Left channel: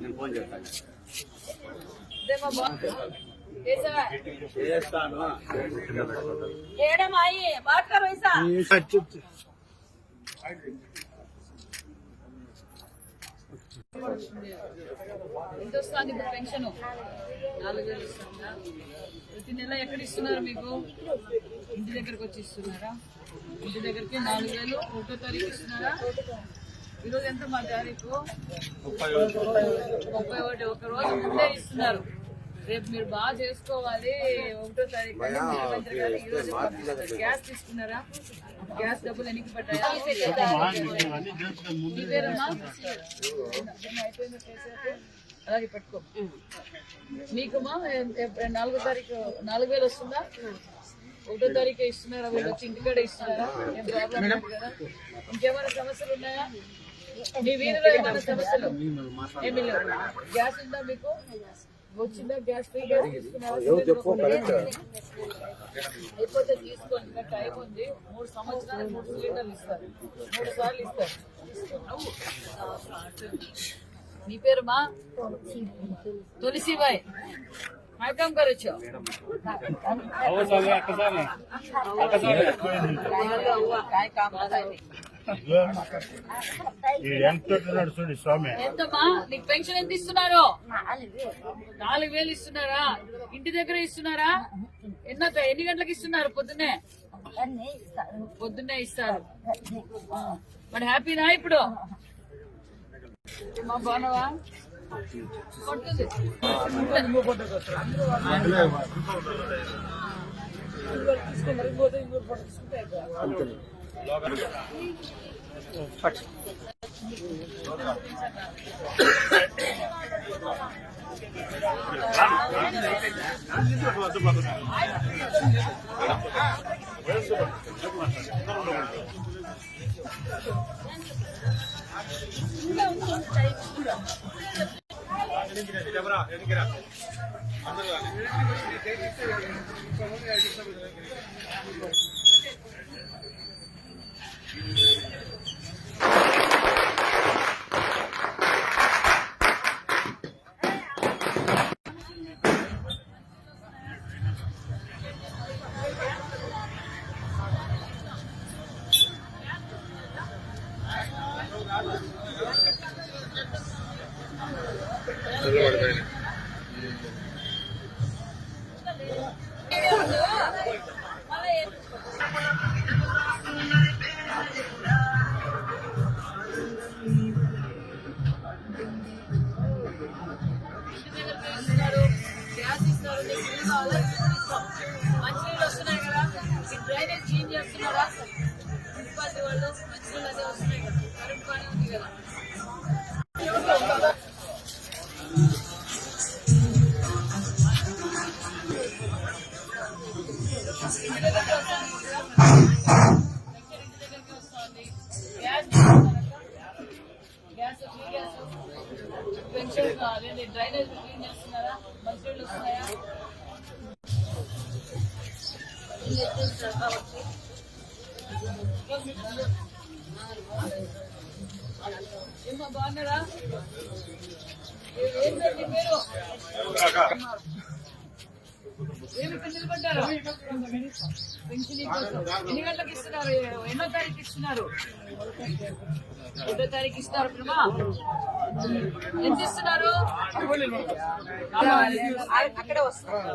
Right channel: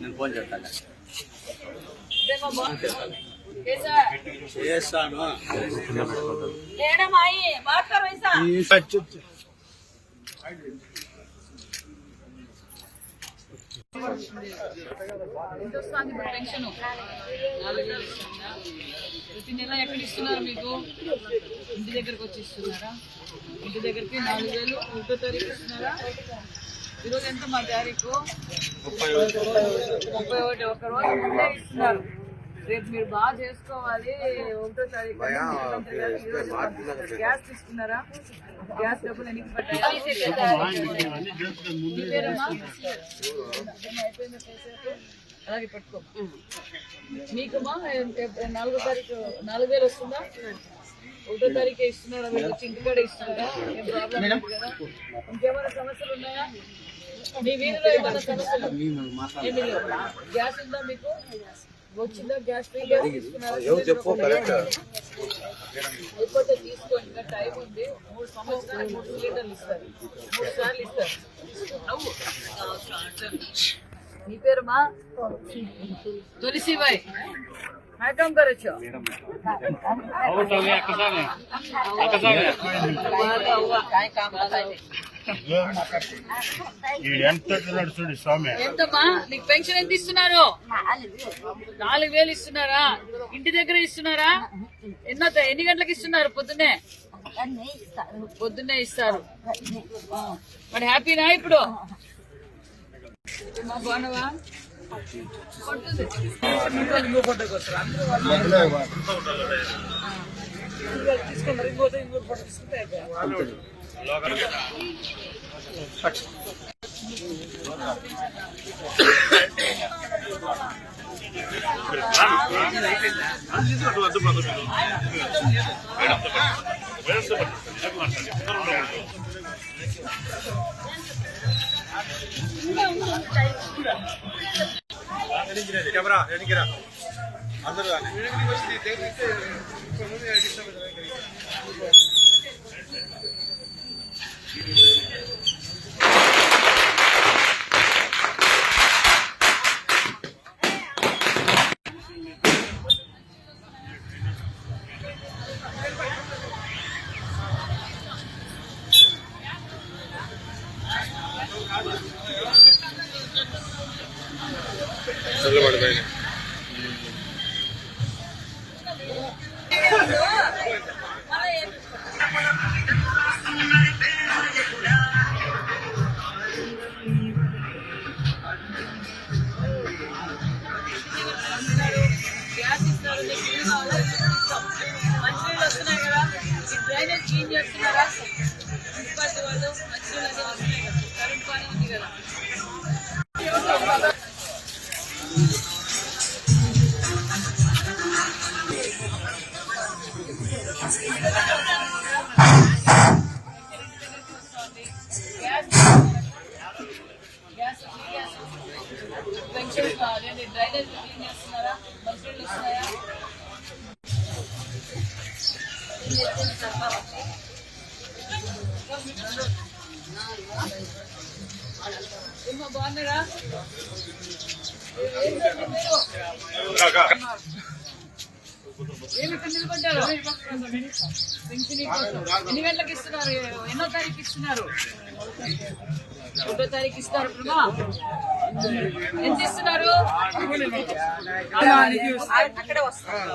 నేను ఫోన్ చేస్తాను. ఎంత వస్తుంది ఇప్పుడు పెన్షన్? 4,000 ఇస్తుందా? ప్రతి నెల ఎక్కడ ఇస్తున్నారు మీకు? ఇంటి దగ్గరకు వచ్చి ఇస్తున్నారా? ఇంటి దగ్గరికి 4,000 1వ తారీఖు ఇస్తున్నారా? ఈరోజు ఎంత మా తారీఖు? 31. ఒక రోజు ముందే ఇస్తున్నారు. రేపు మీరు బాగా చేసుకోవాలి. 1వ తారీఖు గ్యాస్ తీసుకున్నారా? గ్యాస్ డబ్బులు ఎన్నికి పట్టాలి? అలాగే పెట్టుకో. మీకుమా 4వ తారీఖు 4,000 వస్తుందా? 1వ తారీఖే ఇస్తున్నారా? మీరు వచ్చి ఇంటికాడ ఇస్తున్నారా? ఏం ప్రాబ్లం లేదు కదా? ఇంకేమైనా సమస్యలు ఉన్నాయా మీ వీధిలో? ఏమైనా సమస్యలు ఏమి లేవు. గ్యాస్ ఉందా మీకు? వచ్చిందా గ్యాస్? ఫ్రీ గ్యాస్ తీసుకున్నారా? అయిపోతే తీసుకోండి. ఇంకా టైం ఉంది. 3 సంవత్సరాలు 3 సిలిండర్లు ఇస్తారు. 3 సార్లు ఇస్తారు. మీ పేరు మా तुलसी भाई काय काम करायचं? काय काम ఎంతమ్మా నీకు పెన్షన్ ఎంత ఇస్తున్నారు? 4,000 ఇస్తున్నారా? ఇంటి దగ్గర ఇస్తున్నారా? ఎన్ని గంటలకు ఇస్తున్నారు? పొద్దున్నే ఇస్తారు. మరి హ్యాపీనా ఇప్పుడు? మా బాగున్నావా? కొట్టుంది తీసుకున్నారు. ఇంకో ఫోటో తీసుకుంటే कैमरा अंदर మంచినీళ్ళు వస్తున్నాయి కదా? డ్రైనేజ్ క్లీన్ చేస్తున్నారా? మున్సిపాలిటీ వాళ్ళు మంచినీళ్ళు అదే వస్తున్నాయి కదా? కరెంట్ బాగానే ఉంది కదా? గ్యాస్ పెన్షన్ అదే డ్రైనేజ్ క్లీన్ చేస్తున్నారా? మంచినీళ్ళు వస్తున్నాయా? ఏమో బాగున్నారా? ఏమి ఇక్కడ నిలబడ్డారు? పెన్షన్ కోసం ఎన్ని గంటలకు ఇస్తున్నారు? ఎన్నో తారీఖు ఇస్తున్నారు? 1వ తారీఖు ఇస్తారు. ఇప్పుడు ఎంత ఇస్తున్నారు? అక్కడే వస్తారు.